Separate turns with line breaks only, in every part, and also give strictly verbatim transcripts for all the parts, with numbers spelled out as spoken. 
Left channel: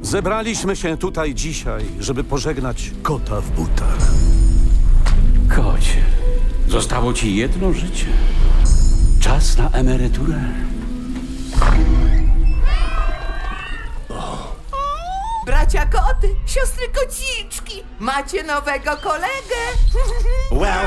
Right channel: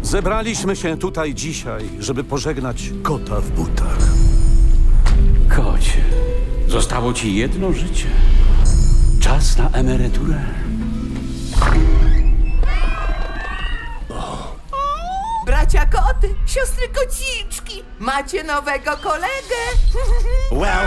Zebraliśmy się tutaj dzisiaj, żeby pożegnać kota w butach.
Kocie, zostało ci jedno życie. Czas na emeryturę.
Bracia koty, siostry kociczki, macie nowego kolegę.
Well,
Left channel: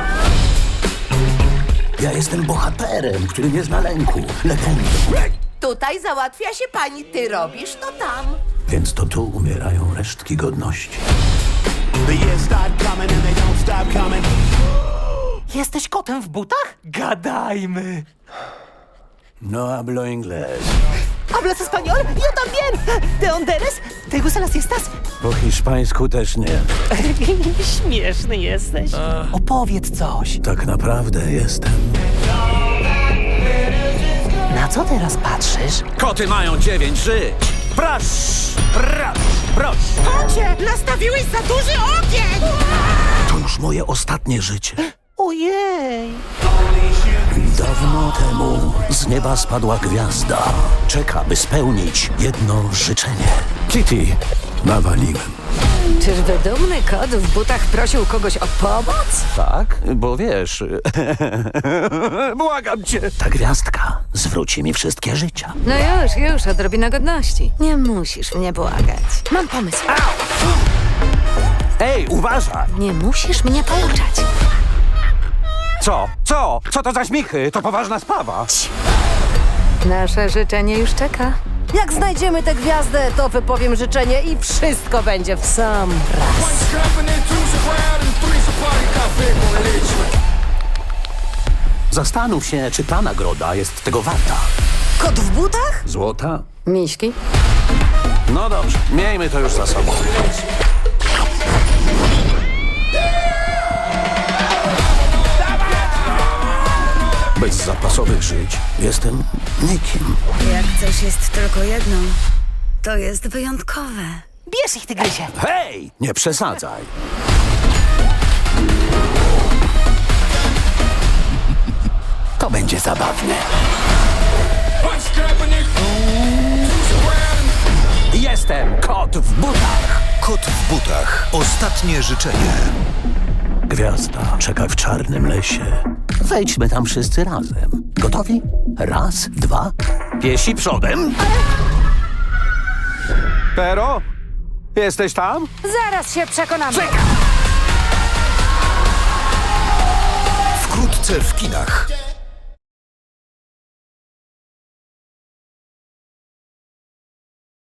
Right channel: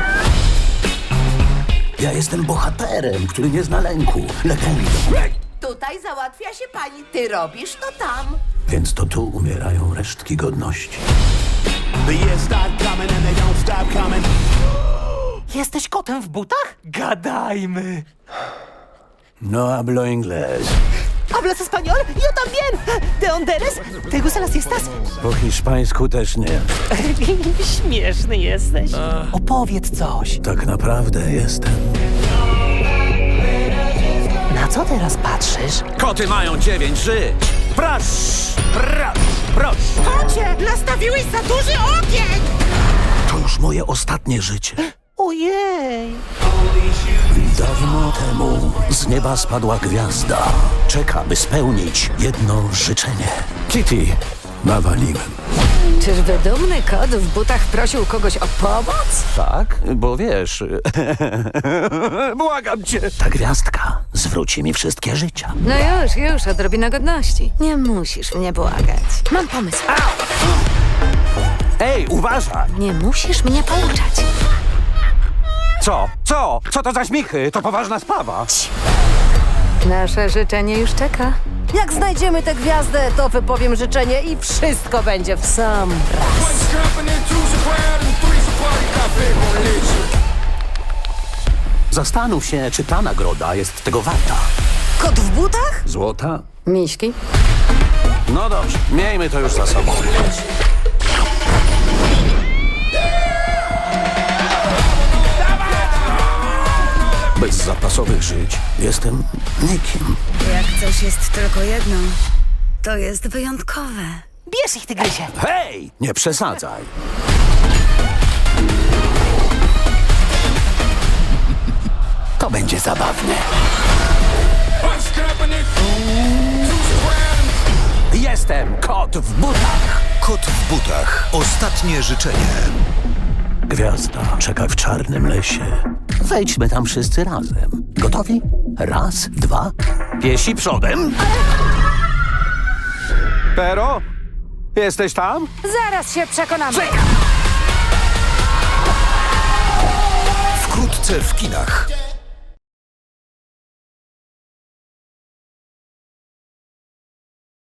ja jestem bohaterem, który nie zna lęku, legendą.
Tutaj załatwia się pani, ty robisz to tam.
Więc to tu umierają resztki godności.
The years start coming and they don't stop coming.
Jesteś kotem w butach? Gadajmy.
No hablo inglés.
¿Hablas español? Yo también. ¿De dónde eres? ¿Te gustan las fiestas?
Po hiszpańsku też nie.
Śmieszny jesteś. Opowiedz coś.
Tak naprawdę jestem.
Na co teraz patrzysz?
Koty mają dziewięć żyć! Prosz! Prosz! Prosz!
Kocie, nastawiłeś za duży ogień!
To już moje ostatnie życie.
Ojej.
Dawno temu z nieba spadła gwiazda. Czeka, by spełnić jedno życzenie. Kitty, nawaliłem.
Czyżby dumny kot w butach prosił kogoś o pomoc?
Tak? Bo wiesz... Błagam cię!
Ta gwiazdka zwróci mi wszystkie życia.
No już, już, odrobina godności. Nie musisz mnie błagać. Mam pomysł.
Ej, uważaj!
Nie musisz mnie pouczać.
Co? Co? Co to za śmichy? To poważna sprawa.
Nasze życzenie już czeka.
Jak znajdziemy tę gwiazdę, to wypowiem życzenie i wszystko będzie w sam raz.
Zastanów się, czy ta nagroda jest tego warta.
Kot w butach?
Złota?
Miśki?
No dobrze, miejmy to już za sobą.
Bez zapasowych żyć jestem nikim.
Jak coś jest tylko jedno, to jest wyjątkowe.
Bierz ich, tygrysie.
Hej! Nie przesadzaj. To będzie zabawne.
Jestem kot w butach!
Kot w butach. Ostatnie życzenie.
Gwiazda czeka w czarnym lesie. Wejdźmy tam wszyscy razem. Gotowi? Raz, dwa. Piesi przodem.
Pero? Jesteś tam?
Zaraz się przekonamy.
Wkrótce w kinach.